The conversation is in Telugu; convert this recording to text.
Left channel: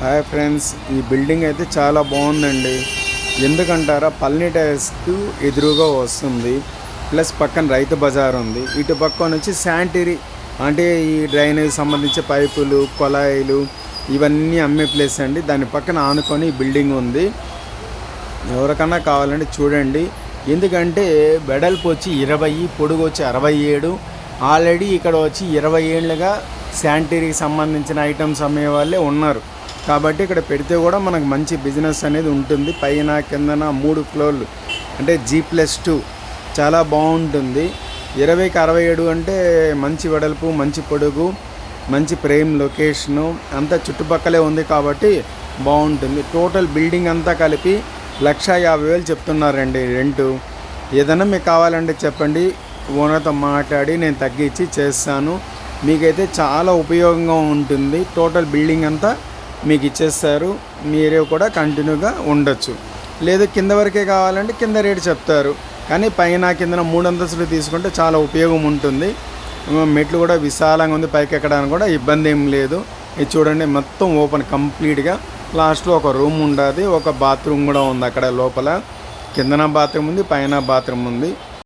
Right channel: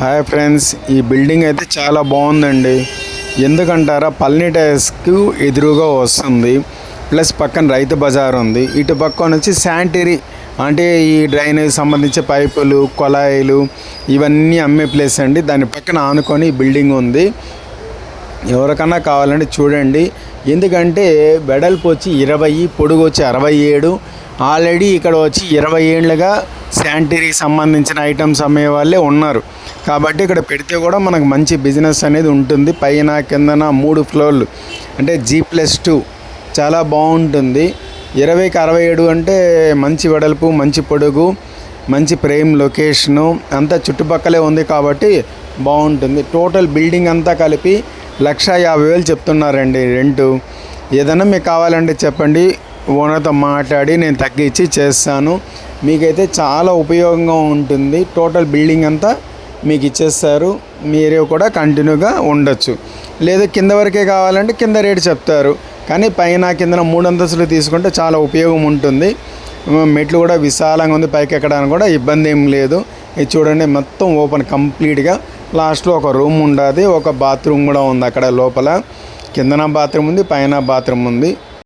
హాయ్ ఫ్రెండ్స్, ఈ బిల్డింగ్ అయితే చాలా బాగుందండి. ఎందుకంటారా, పళని టైర్స్కు ఎదురుగా వస్తుంది. ప్లస్ పక్కన రైతు బజార్ ఉంది. ఇటు పక్కన వచ్చి శానిటరీ అంటే ఈ డ్రైనేజ్ సంబంధించి పైపులు, కొళాయిలు ఇవన్నీ అమ్మే ప్లేస్ అండి. దాని పక్కన ఆనుకొని ఈ బిల్డింగ్ ఉంది. ఎవరికన్నా కావాలంటే చూడండి. ఎందుకంటే వెడల్పు వచ్చి 20, పొడుగు వచ్చి 67. ఆల్రెడీ ఇక్కడ వచ్చి 20 ఏళ్ళుగా శానిటరీకి సంబంధించిన ఐటమ్స్ అమ్మే వాళ్ళే ఉన్నారు. కాబట్టి ఇక్కడ పెడితే కూడా మనకు మంచి బిజినెస్ అనేది ఉంటుంది. పైన కిందన 3 ఫ్లోర్లు అంటే G+2 చాలా బాగుంటుంది. 20కి 67 అంటే మంచి వెడల్పు, మంచి పొడుగు, మంచి ప్రైమ్ లొకేషను అంతా చుట్టుపక్కలే ఉంది కాబట్టి బాగుంటుంది. టోటల్ బిల్డింగ్ అంతా కలిపి 1,50,000 చెప్తున్నారండి రెంటు. ఏదైనా మీకు కావాలంటే చెప్పండి, ఓనర్తో మాట్లాడి నేను తగ్గించి చేస్తాను. మీకైతే చాలా ఉపయోగంగా ఉంటుంది. టోటల్ బిల్డింగ్ అంతా మీకు ఇచ్చేస్తారు. మీరే కూడా కంటిన్యూగా ఉండొచ్చు. లేదా కింద వరకే కావాలంటే కింద రేటు చెప్తారు. కానీ పైన కింద 3 అంతస్తులు తీసుకుంటే చాలా ఉపయోగం ఉంటుంది. మెట్లు కూడా విశాలంగా ఉంది. పైకి ఎక్కడానికి కూడా ఇబ్బంది ఏం లేదు. ఇది చూడండి, మొత్తం ఓపెన్ కంప్లీట్గా. లాస్ట్లో ఒక రూమ్ ఉండదు, ఒక బాత్రూమ్ కూడా ఉంది అక్కడ లోపల. కిందన బాత్రూమ్ ఉంది, పైన బాత్రూమ్ ఉంది.